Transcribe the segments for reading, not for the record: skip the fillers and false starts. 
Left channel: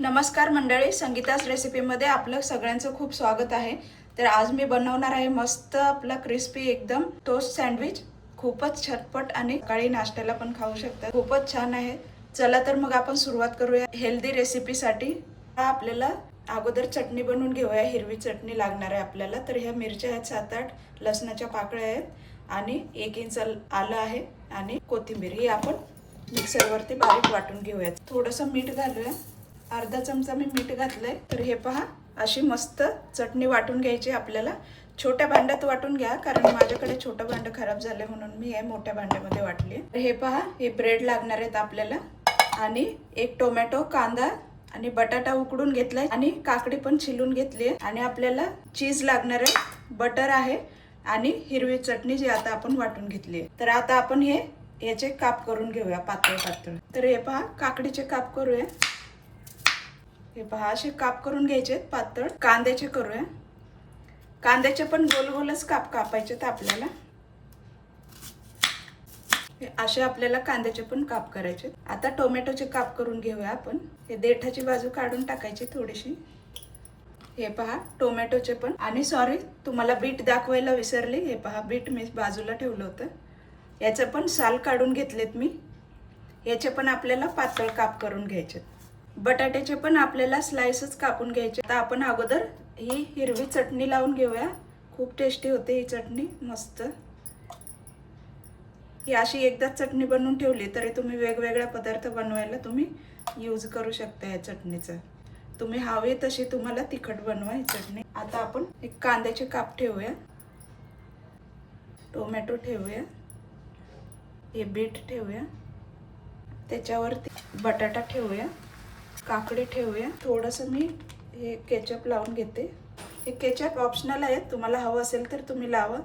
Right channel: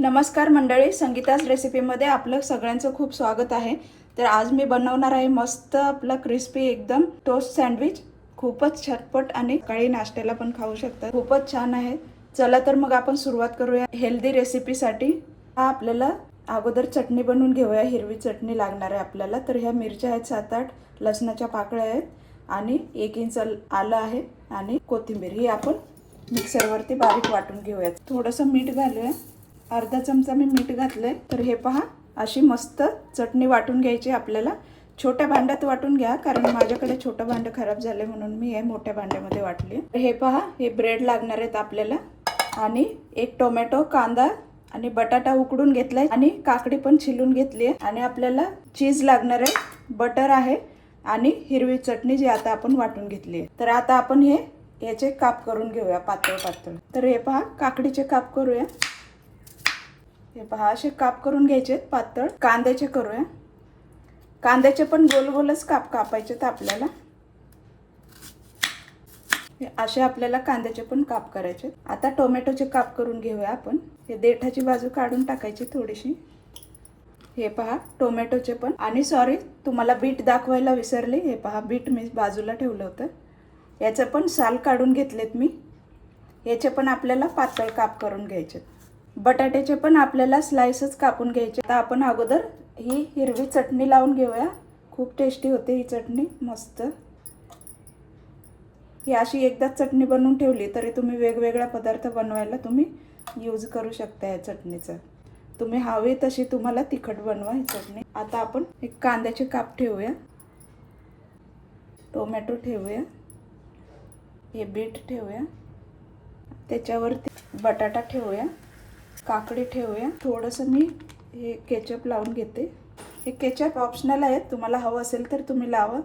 नमस्कार मंडळी, संगीता's रेसिपीमध्ये आपलं सगळ्यांचं खूप स्वागत आहे। तर आज मी बनवणार आहे मस्त आपला क्रिस्पी एकदम टोस्ट सँडविच। खूपच झटपट आणि सकाळी नाश्त्याला पण खाऊ शकता। खूपच छान आहे। चला तर मग आपण सुरुवात करूया हेल्दी रेसिपीसाठी। आपल्याला अगोदर चटणी बनवून घेऊया। हिरवी चटणी लागणार आहे आपल्याला। तर ह्या मिरच्या आहेत 7-8, लसणाच्या पाकळ्या आहेत आणि 1 इंच आलं आहे आणि कोथिंबीर ही आपण मिक्सरवरती बारीक वाटून घेऊया। थोडंसं मीठ घालूया, अर्धा चमचा मी मीठ घातलंय। तर हे पहा, अशी मस्त चटणी वाटून घ्यायची आपल्याला। छोट्या भांड्यात वाटून घ्या, कारण माझ्याकडे छोटं भांडं खराब झाले म्हणून मी हे मोठ्या भांड्यामध्ये वाटले। हे पहा, हे ब्रेड लागणार आहेत आपल्याला आणि 1 टोमॅटो, कांदा आणि बटाटा उकडून घेतलाय आणि काकडी पण छिलून घेतली आहे आणि आपल्याला चीज लागणार आहे, बटर आहे आणि हिरवी चटणी जी आता आपण वाटून घेतली आहे। तर आता आपण याचे काप करून घेऊया पातळ पातळ। तर हे पहा, काकडीचे काप करूया। हे पहा, असे काप करून घ्यायचे पातळ। कांद्याचे करूया। कांद्याचे पण गोल गोलच काप कापायचे आपल्याला। असे आपल्याला कांद्याचे पण काप करायचे। आता टोमॅटोचे काप करून घेऊया आपण। हे देठाची बाजू काढून टाकायची थोडीशी। हे पहा, टोमॅटोचे पण। आणि सॉरी, तुम्हाला बीट दाखवायला विसरले। हे पहा, बीट मी बाजूला ठेवलं होतं। याचं पण साल काढून घेतलेत मी। याचे पण आपल्याला पातळ काप करून घ्यायचे। बटाट्याचे पण आपल्याला स्लाइसेस कापून घ्यायचे। आता आपण अगोदर ही हिरवी चटणी लावून घेऊया। खूप टेस्टी होते ही चटणी, मस्त। ही अशी एकदाच चटणी बनवून ठेवली तरी तुम्ही वेगवेगळ्या पदार्थ बनवायला तुम्ही यूज करू शकता या चटणीचा। तुम्ही हवी तशी तुम्हाला तिखट बनवा ही चटणी। आता आपण एक कांद्याचे काप ठेवूया, टोमॅटो ठेवूया, हे बीट ठेवूया, त्याच्यावरती बटाटा ठेवूया, काकडी ठेवूया। थोडंसं मी हे केचप लावून घेते। हे केचप ऑप्शनल आहे, तुम्हाला हवं असेल तर तुम्ही लावा।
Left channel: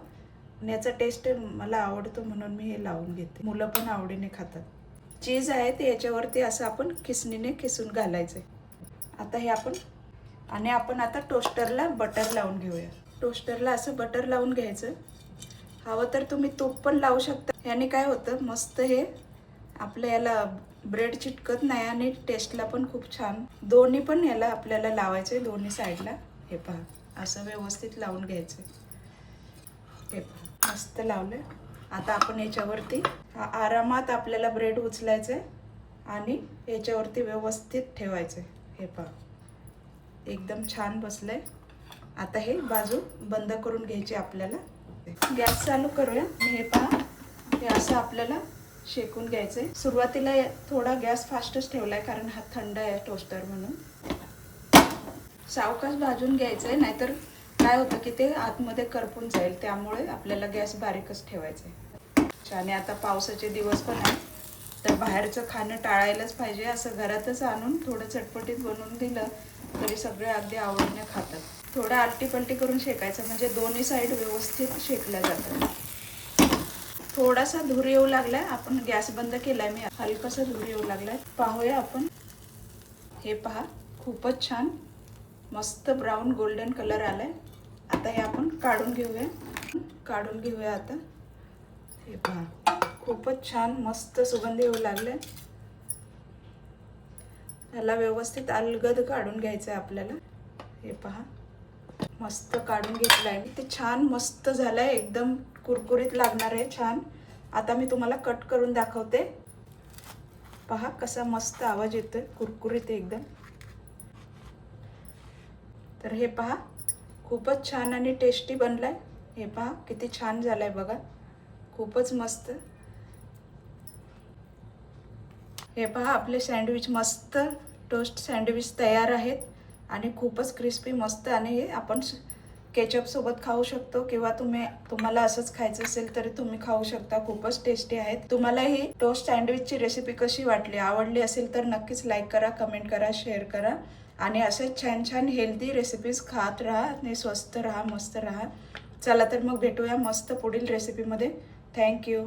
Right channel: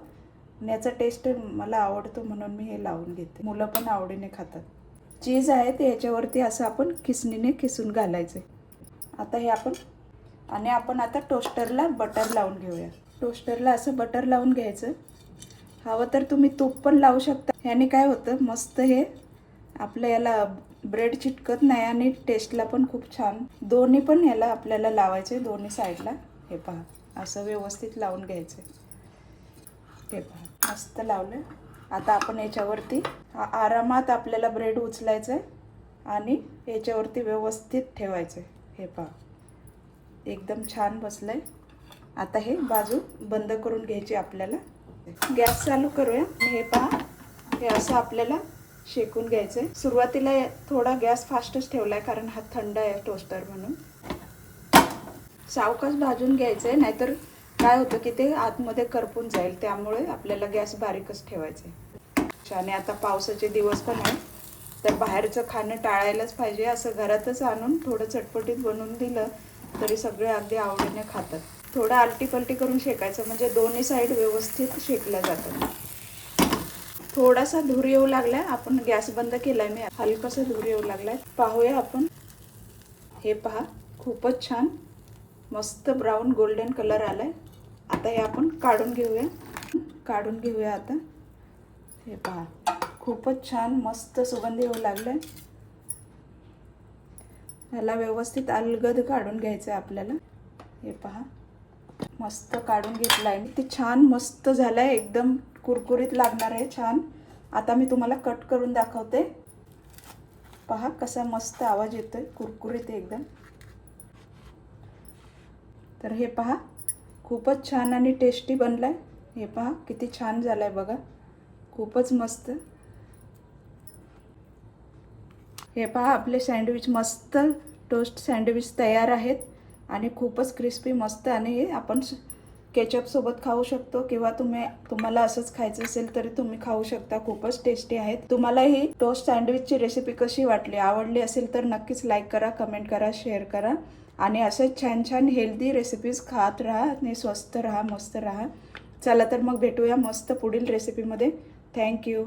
याचा टेस्ट मला आवडतो म्हणून मी हे लावून घेते। मुलं पण आवडीने खातात। चीज आहे ते याच्यावरती असं आपण खिसणीने खिसून घालायचे। आता हे आपण आता टोस्टरला बटर लावून घेऊया। टोस्टरला असं बटर लावून घ्यायचं। हवं तर तुम्ही तूप पण लावू शकता। याने काय होतं, मस्त हे आपल्या याला ब्रेड चिटकत नाही आणि टेस्टला पण खूप छान। दोन्ही पण याला आपल्याला लावायचे, दोन्ही साईडला। हे पहा, असं व्यवस्थित लावून घ्यायचं। हे पहा, मस्त लावलं। आता आपण याच्यावरती आरामात आपल्याला ब्रेड उचलायचं आहे आणि याच्यावरती व्यवस्थित ठेवायचं। हे पहा, एकदम छान बसलंय। आता हे बाजू बंद करून घ्यायची आपल्याला। गॅस चालू करूया। हे पहा, हे असं आपल्याला शेकून घ्यायचंय। सुरुवातीला थोडा गॅस फास्टच ठेवलाय, कारण हा थंड आहे टोस्टर म्हणून। सावकाश भाजून घ्यायचंय, नाहीतर काय होतं की ते आतमध्ये करपून जाईल। त्यामुळे आपल्याला गॅस बारीकच ठेवायचा आहे। आणि आता पावसाचे दिवस पण आहे, तर बाहेरचं खाणं टाळायलाच पाहिजे। असं घरातच आणून थोडं चटपटीत बनवून दिलं तरी सगळे अगदी आवडीने खातात। थोडं आलटी पलटी करून शेकायचं, म्हणजे दोन्ही साईड व्यवस्थित शेकलं जातं। थोडासा धूर येऊ लागलाय, आपण गॅस बंद केलाय मी। हलकासा धूर येऊ लागलाय, पाहूया आपण। हे पहा, खूपच छान मस्त ब्राऊन गोल्डन कलर आलाय। आता हे आपण काढून घेऊया आता। हे पहा, खूपच छान मस्त सुगंध येऊ लागलाय। याला व्यवस्थित अलगद काढून घ्यायचं आपल्याला। हे पहा, मस्त काढून घेतलाय। ते छान मस्त झालंय, एकदम कुरकुरीत लागणार आहे, छान। आता मी तुम्हाला कट करून दाखवते। पहा कसा मस्त आवाज येतोय, कुरकुरीत एकदम। तर हे पहा, खूपच छान आणि टेस्टी बनलाय। हे पहा किती छान झालाय बघा, खूपच मस्त। हे पहा, आपले सँडविच मस्त टोस्ट सँडविच तयार आहेत आणि खूपच क्रिस्पी मस्त। आणि हे आपण केचप सोबत खाऊ शकतो, किंवा तुम्हाला असंच खायचं असेल तर तुम्ही खाऊ शकता। खूपच टेस्टी आहेत। तुम्हाला ही टोस्ट सँडविचची रेसिपी कशी वाटली, आवडली असेल तर नक्कीच लाईक करा, कमेंट करा, शेअर करा आणि असेच छान छान हेल्दी रेसिपीज खात राहा आणि स्वस्थ राहा, मस्त राहा। चला तर मग भेटूया मस्त पुढील रेसिपीमध्ये। थँक्यू।